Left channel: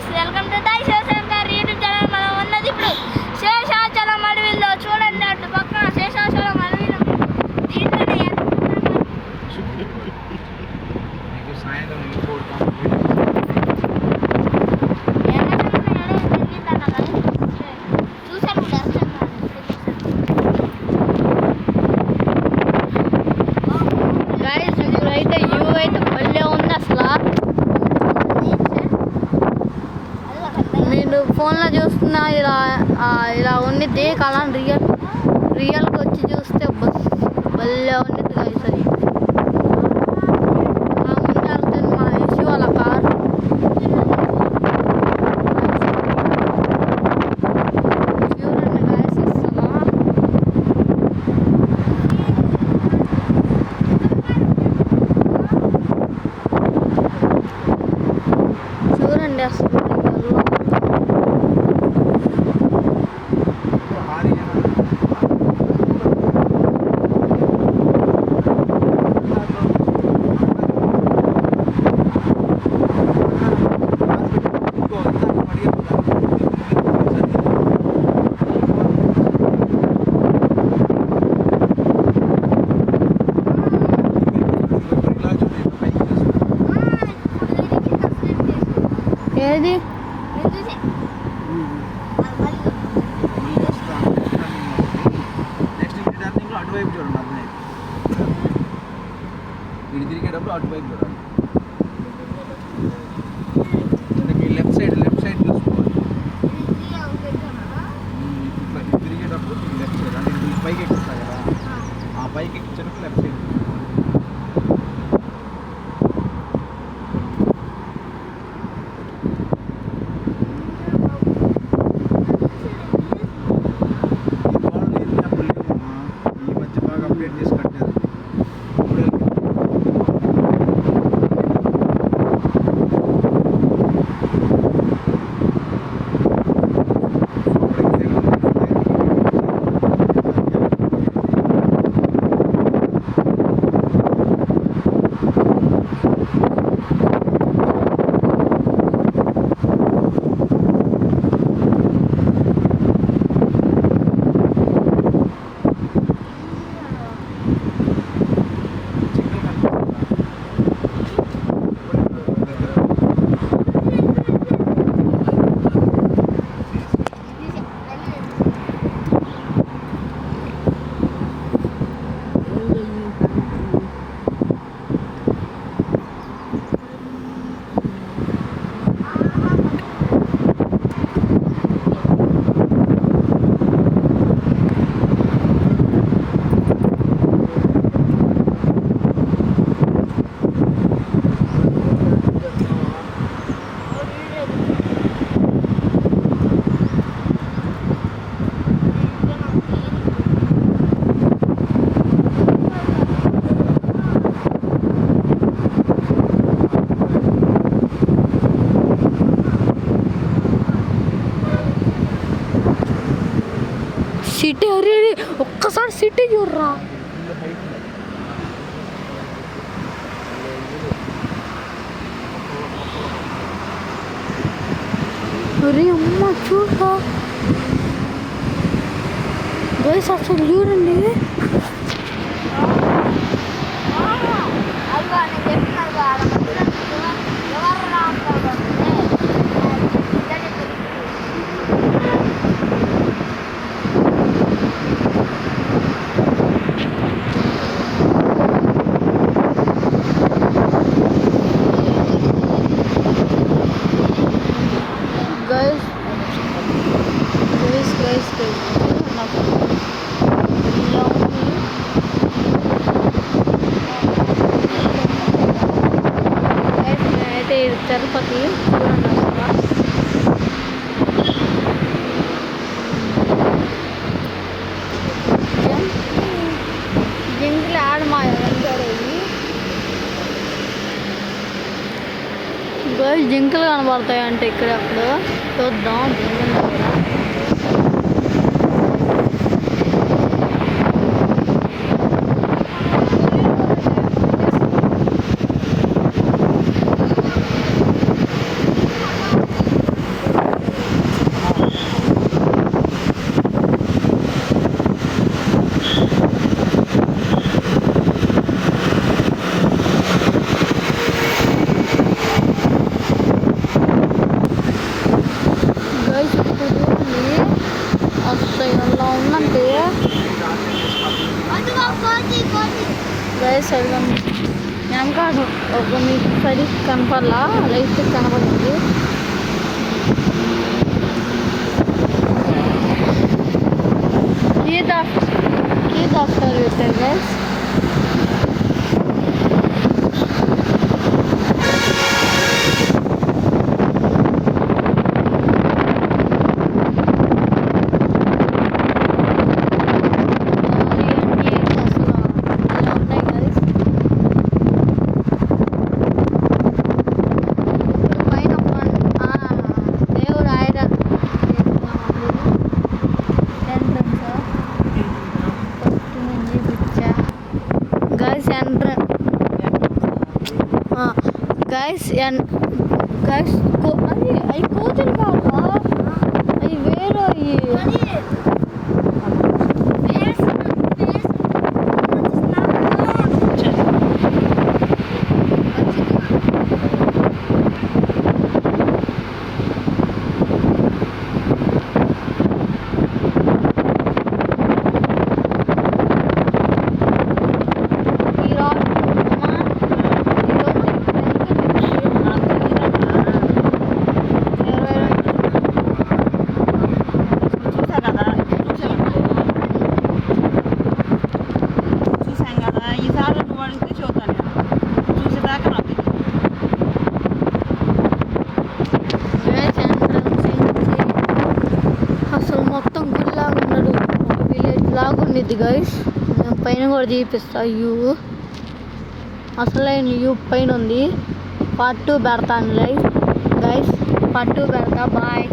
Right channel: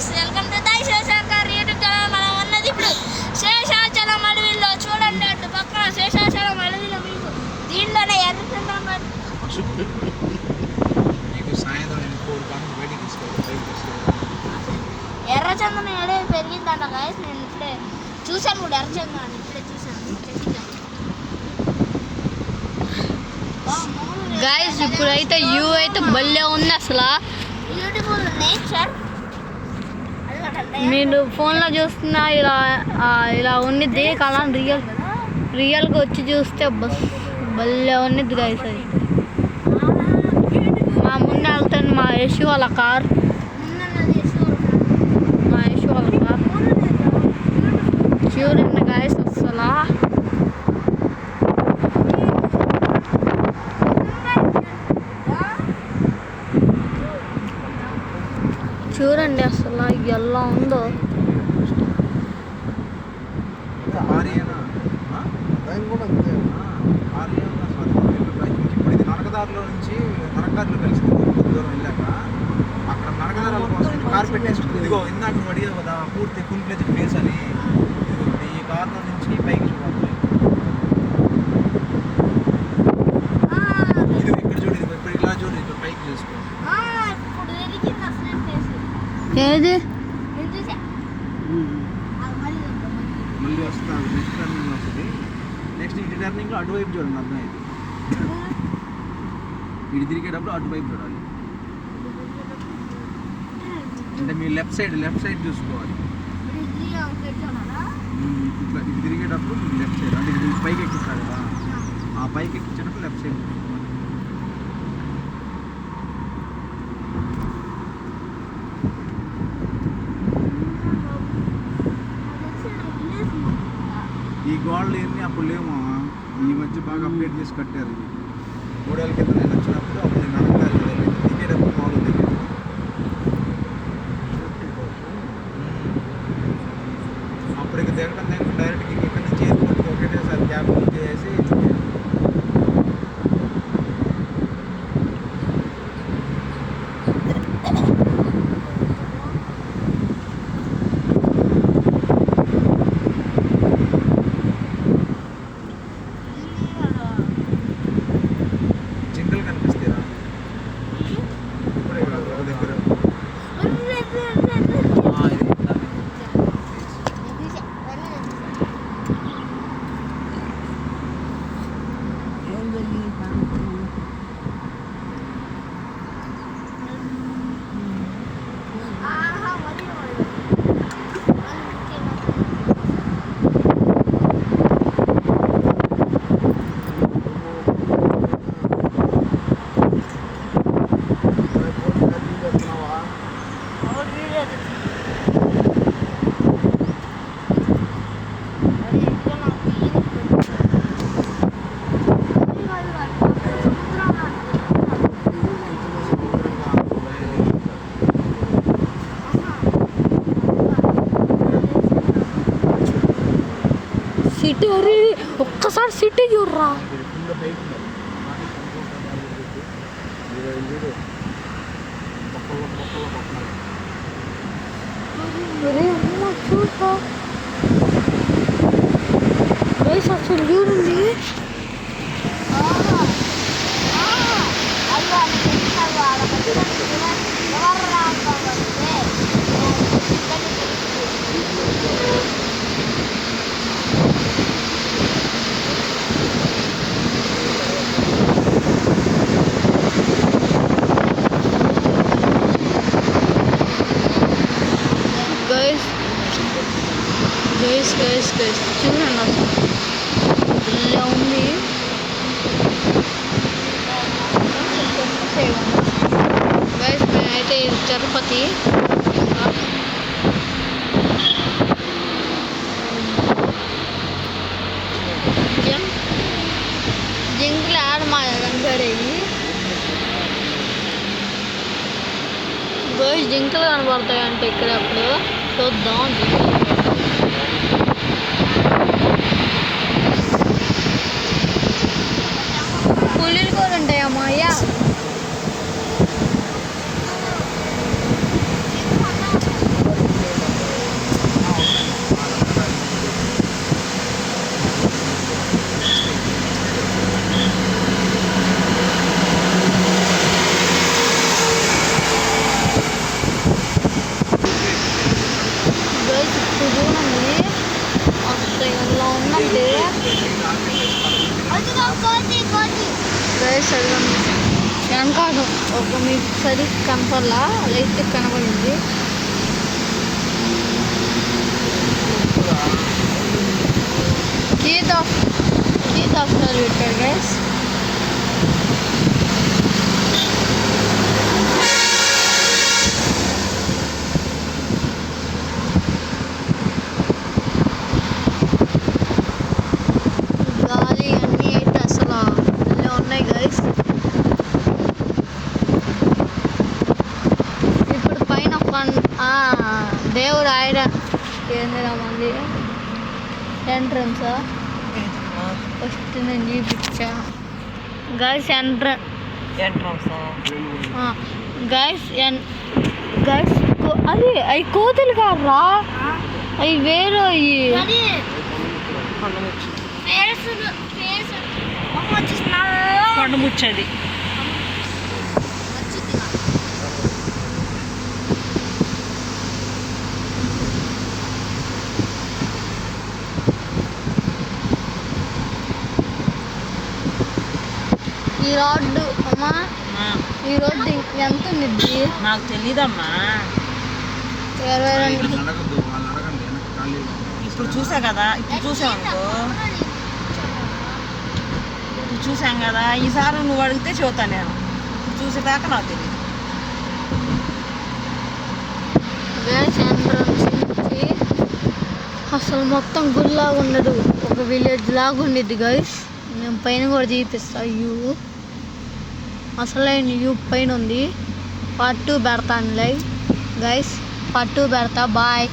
Guys, welcome to దై Shivshankar YouTube channel. మనం ఉన్నది ఇప్పుడు శేషాచలం అడవిలో. చూడండి, అటు పక్కన శేషాచలం అడవిలో దీంట్లోనే ఎర్రచందనం అడవి పెరిగిందట గైస్. నేను చూసాను కూడా ఎర్రచందనం ఇప్పుడే చూసాను గైస్. ఇప్పుడైతే వ్యూ అయితే భలే ఉంది అసలు. మీరు ఫోన్లో చూస్తున్న ఇలా ఉండిద్ది కళ. రియల్గా వచ్చి చూస్తే బస్ భలే ఉండిద్ది గైస్. అది మా ముందు వెళ్తుంది మా యశు వాళ్ళ కారు. మా యశు వాళ్ళ కారు చూడండి గైస్ అసలు. చూడండి అసలు ఎలా ఉందో. ఏది నెక్స్ట్ అటువైపు చూడండి. అర్థమైంది, వీడు తిరిగేటప్పుడు అటువైపు చూడాలి. అంటే మీ లెఫ్ట్ సైడ్ చూసుకోవాలి. ఇట్లా తిరిగేటప్పుడు లెఫ్ట్ సైడ్, అంటే ఇది పైకి ఎక్కిస్తా కదా, ఆ పైకి ఎక్కించేటప్పుడు లెఫ్ట్ సైడ్ చూసుకోవాలి. ఈ మధ్య బాగా అప్డేట్ చేసి కట్టారు. 3 ఏళ్ళ కింద నేను వచ్చినప్పుడు అప్పటికి దగ్గర డైరెక్ట్ ఎయిర్పోర్ట్ పెట్టేసారు. క్యాబ్ బుక్ చేసి సిటీ. ఒక్కసారి సిటీ చూడరా. అరే అమ్మ చూడరా గైస్, అసలు చూడండి. గైస్ చూడండి అసలు ఇలా ఉంది. గైస్ నేనైతే తిరుపతి జింకలు ఆడ మా కనపడేవి. గైస్ జింకలు కనపడతాయి అంటే ఇక్కడ అప్పుడు చూద్దాం. పులిలు కూడా ఉంటాయి అమ్మాయ్య. ఉందంటే అదిగో కోతి కోతి. గైస్ అడగండి వెనకాడు ఒక మీకు సరి కనపడలా లైట్ కనపడింది. కీ దాస్తారు పెట్టారు గైస్. గాలి అన్నీ ఏంటి అసలు ఇలా ఉన్నాయి గైస్. ఇప్పుడు పైన దేవుడు ఆయన ఏందిరా మంది ఎంట్రన్స్ ఫస్ట్ నేను చూపించా గైస్ గైస్ గైస్ అది అవి కోతులు కాదురా, అవి వేరే కానీ ఫేస్ వచ్చేసినా కూర్చొని ఈ రోడ్డు అమ్మా, ఈ రోడ్డు ఎంత ఉంది? నాకు తెలీదమ్మా. 22 ఇప్పుడు చూసా కదా, ఇప్పుడు చూసాం కదా, ఈసారి నువ్వు అడిగితే చెబుతాను నేను. చూసేదాకా నాకు తెలియదు. గ్యాస్ ఎంట్రన్స్ నుంచి అసలు మొత్తం గుళ్ళ ఉండదు, ఒక విలేజ్ లాగా ఉండిద్ది గైస్. నేను పైన కూడా చూపిస్తా వ్యూ, అసలైన వ్యూ పైన ఉంది. పార్ట్ 2 పెడతాను గైస్, పార్ట్ 2 పెడతా. బాయ్.